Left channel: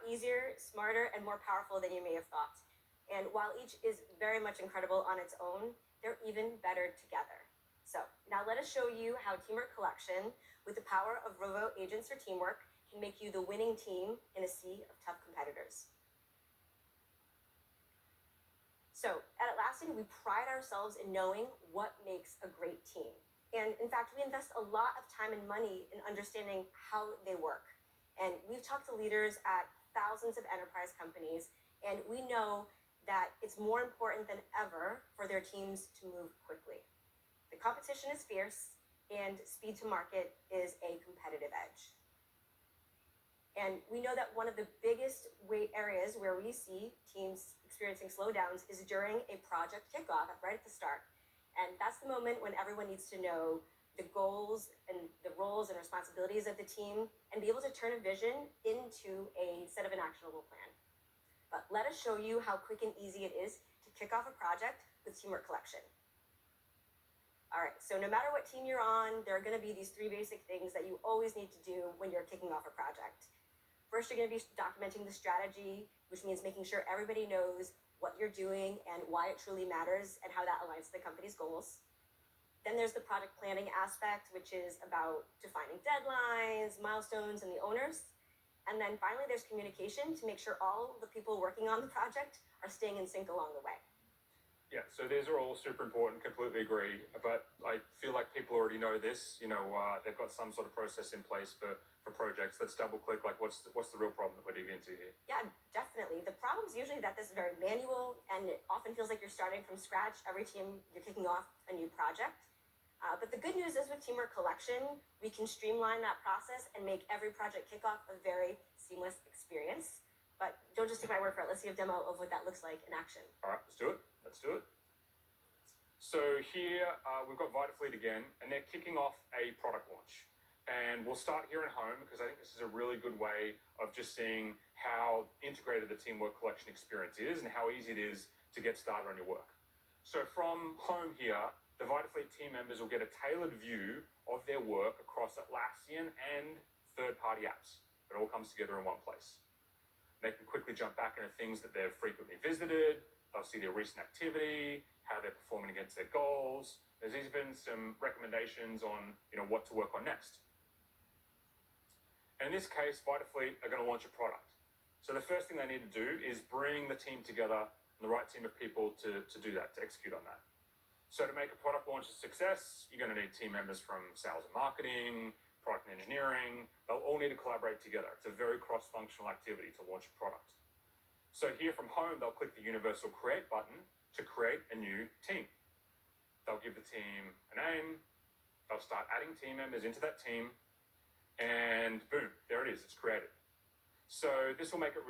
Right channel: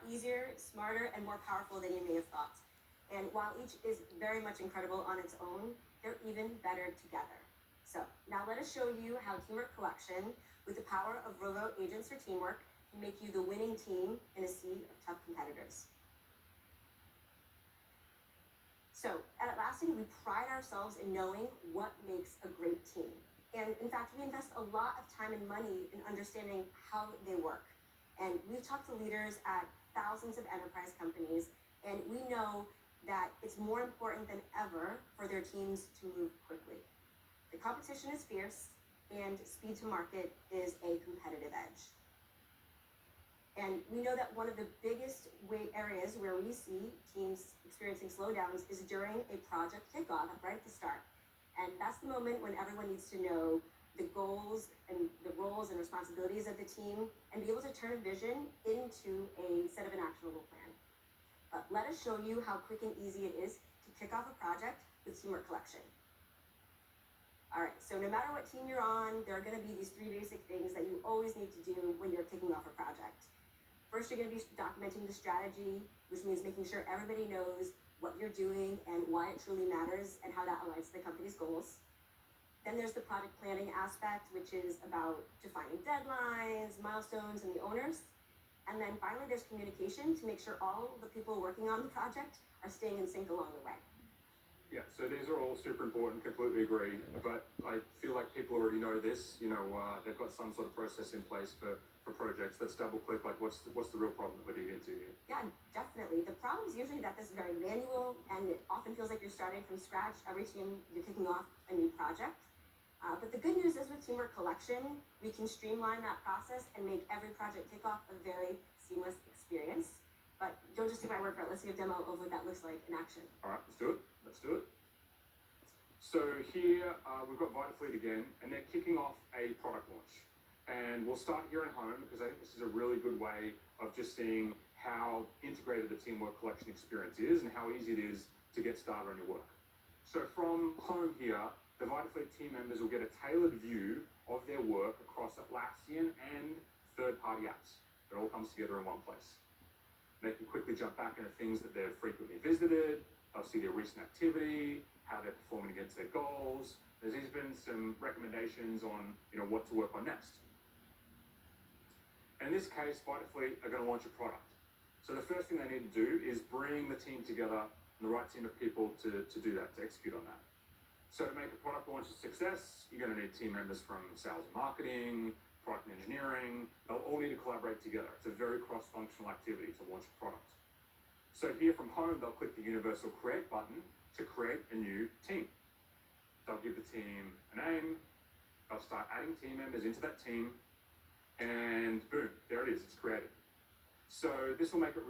lot easier, smarter, and more powerful than you may have thought. And while each is very much incredible on its own, they're even better together. So now let us show you how Teamwork Collection, with the power of Rovo Agents for Teamwork, can make you the winning team in a sea of tough competitors. So at Atlassian, we pride ourselves in knowing what makes a great team. And in fact, we invest a lot of time and money in understanding how they work. And we've talked to leaders at thousands of enterprise companies, and we know that it's more important than ever for their teams to move quickly. The competition is fierce, and speed to market is a competitive edge. And we know that one of the biggest areas where we see teams experiencing slowdowns is during a project kickoff right at the start. And that's the moment when everyone needs to know the goals and the roles and responsibilities of the team and be able to turn a vision into a set of an actionable plan. But let us show you how quick and easy it is to kick off a project with Teamwork Collection. All right, so no matter what team you're on, there are going to be these 3 basic things that you always need to do when you're kicking off a project. First, you're going to be documenting the strategy, which means making sure everybody knows what you're doing and why it truly matters and how that aligns to the company's goals. Then there's the project planning aspect, which is about defining deadlines, milestones, and the owners. And then finally, there's communication to make sure all the people working on the project are staying in sync along the way. Yeah, so these are all super important, completely agree. But I feel like people already know this. They've got some sort of process in place for projects. Let's double click, like what's the real problem that we're digging into here? Yeah, definitely. The problem is usually that this is very manual, and it often feels like you're starting from scratch every time you're kicking off a new project. But the good news is with Teamwork Collection, we can streamline that process and make every project kickoff a very seamless experience. But don't just take my word for it. Let's see a demo of what that looks like in action. All right, let's do it. So here we've got VitaFleet again, and they're kicking off a product launch. And we'll start here at home because I think this is a really good way of just seeing how integrated the Teamwork Collection experience is and how easy it is to get started on your work. So from home here, the VitaFleet team members will get a tailored view of their work across Atlassian and third-party apps. It all comes together in one place. They can quickly jump back into things that they've frequently visited. They'll see their recent activity, how they're performing against their goals. There's even some recommendations on what to work on next. In this case, VitaFleet are going to launch a product. So the first thing they need to do is bring the team together, the right team of people to do that, to execute on that. So to make a product launch a success, you're going to need team members from sales and marketing, product and engineering. They'll all need to collaborate together. It's a very cross-functional activity to launch a product. So here from home, they'll click the Universal Create button to create a new team. They'll give the team a name. They'll start adding team members into that team. And boom, there it is. It's created. So this will make it really